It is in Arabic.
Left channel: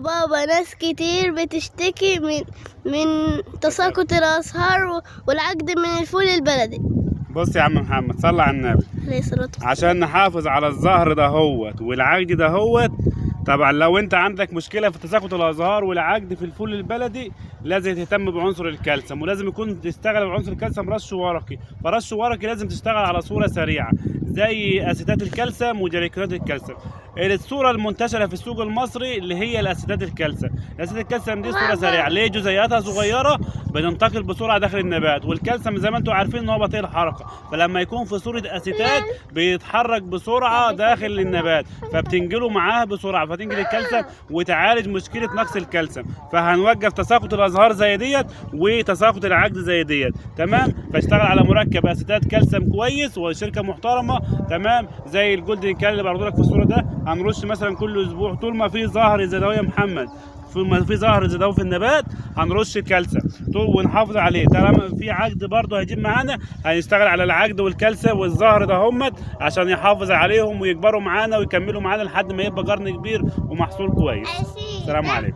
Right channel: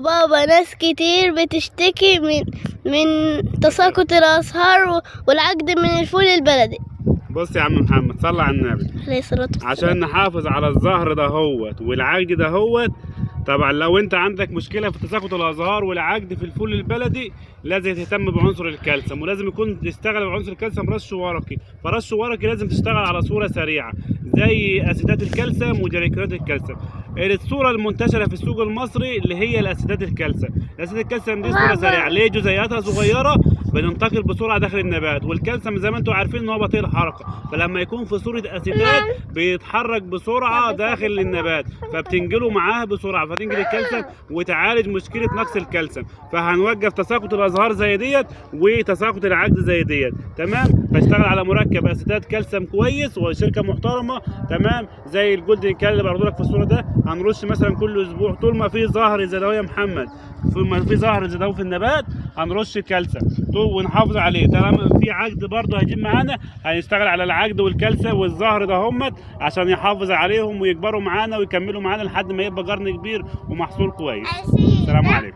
بابا ناس كتير بتشتكي من تساقط الأزهار والعقد من الفول البلدي. بص يا عم محمد، صلى على النبي. عليه الصلاة والسلام. عشان نحافظ على الزهر دهوت والعقد دهوت، طبعا لو انت عندك مشكله في تساقط الازهار والعقد في الفول البلدي لازم تهتم بعنصر الكالسيوم، ولازم يكون تشتغل بعنصر الكالسيوم رش ورقي. فرش ورقي لازم تشتغل على صوره سريعه زي اسيتات الكالسيوم وجليكرات الكالسيوم. الصوره المنتشره في السوق المصري اللي هي الاسيتات الكالسيوم. الاسيتات الكالسيوم دي صوره سريعه، ليه؟ جزيئاتها صغيره بتنتقل بسرعه داخل النبات، والكالسيوم زي ما انتم عارفين ان هو بطيء الحركه، فلما يكون في صوره اسيتات بيتحرك بسرعه داخل النبات فبتنقله معاها بسرعه، فتنقل الكالسيوم وتعالج مشكله نقص الكالسيوم. فهنوقف تساقط الازهار زي ديت وتساقط العقد زي ديت، تمام؟ فاشتغل على مركب اسيتات كالسيوم كويس وشركه محترمه، تمام؟ زي الجولدن كال اللي برضو لك في الصوره ده. هنرش مثلا كل اسبوع طول ما في زهر زي ده يا محمد، ما في زهر زي ده في النبات هنرش كالسيوم ونحافظ عليه. طالما في عقد برضه هيجيب معانا هنشتغل على العقد والكالسيوم والزهر ده همت عشان يحافظ عليهم ويكبروا معانا ويكملوا معانا لحد ما يبقى قرن كبير ومحصول كويس. السلام عليكم.